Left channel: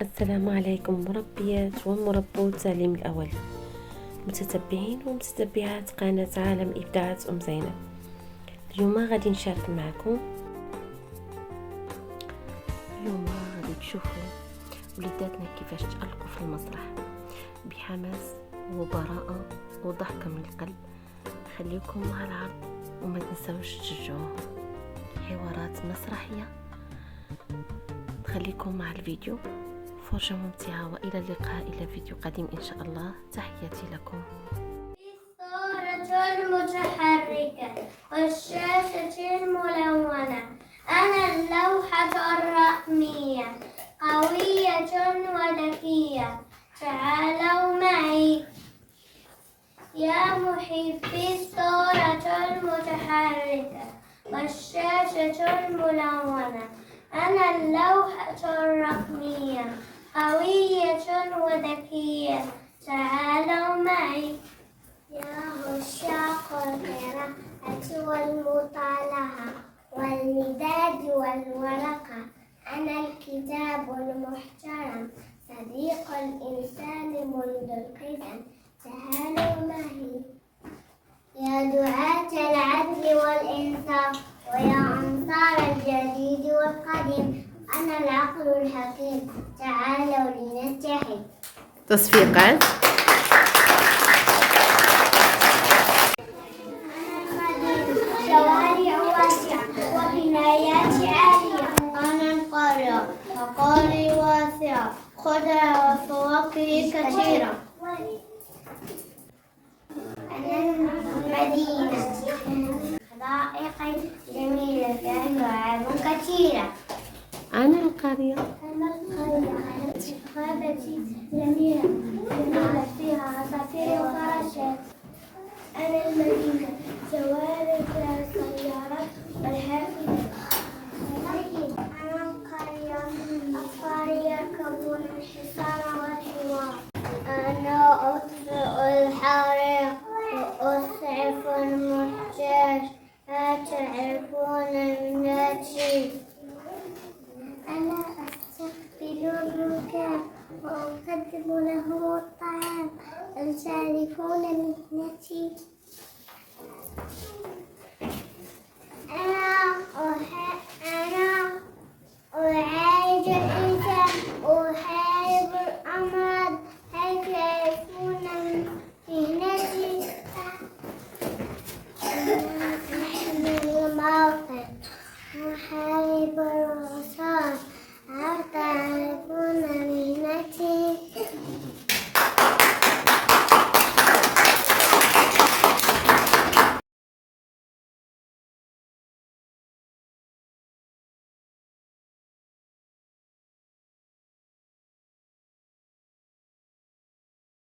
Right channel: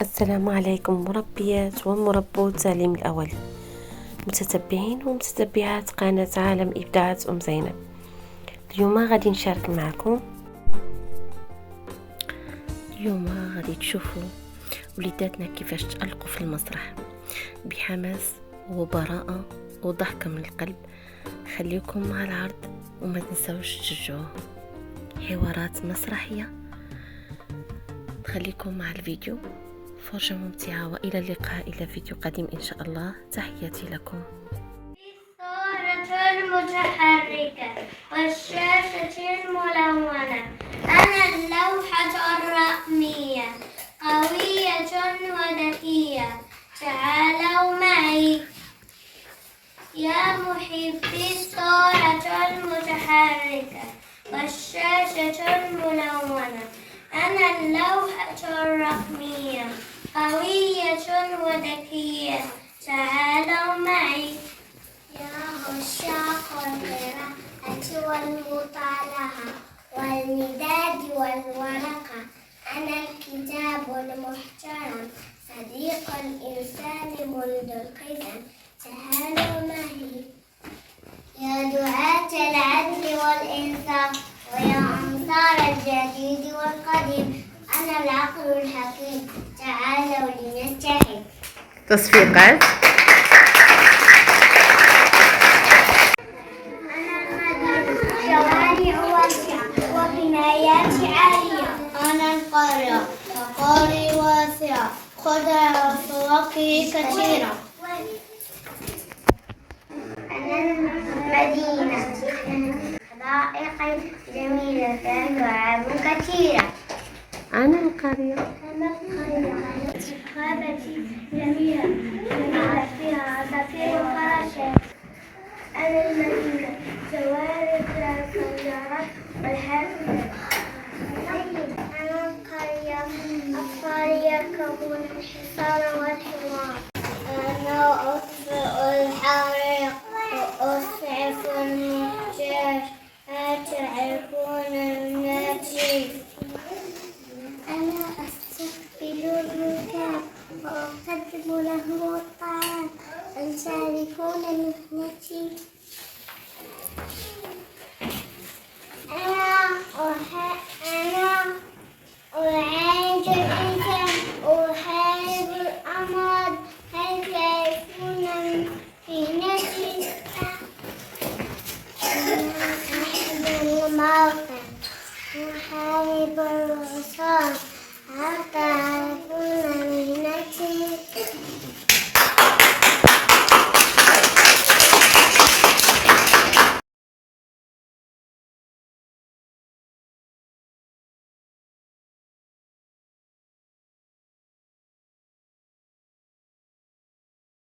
السلام عليكم مربيات ومربوت تعليم الأولي، متتبعين ومتتبعات قناة عالم إبداعات زينب. اليوم غادي نشارك معكم. اليوم غادي تشوفوا وليداتنا كيفاش تألقوا في المسرح بحماس وبراءة وضحكة من القلب. خليكم مع العرض وما تنسوش تشجعوه، حوارات مسرحية. خليكم مع الفيديو، فرجة ممتعة، وإلى اللقاء إلى فيديو قادم إن شاء الله. تحياتي لكم. الصورة المتحركة والشاشة الملونة. أنا اللوحة الرقمية، قوية وذكية. تعالوا معي يا محبي الصورة المتحركة والشاشة الملونة. أنا اللوحة الرقمية، قوية وذكية. تعالوا معي يا عشاق القراءة والمطالعة والمداد والورقة. أنا الكتاب المحترم، صديق الإنسان منذ القدم. تعالوا معي يا دعاة العدل والإنصاف ويا أنصار الجديد والقديم. أنا العقل الحكيم، تعالوا لنتحد. تصفيقات. شوارع واسعة وبنايات عالية. أنا القرية، مقالي واسعة، خضرة وفواكه كثيرة. أنا المدينة، حدائق جميلة فيها لعاب كثيرة. أنا القرية. أنا القرية، غابتي جميلة فيها عصافير وفراشات. أنا المدينة، شوارع السيارات والحافلات. أنا القرية، أطفال يركبون الحصان والحمار.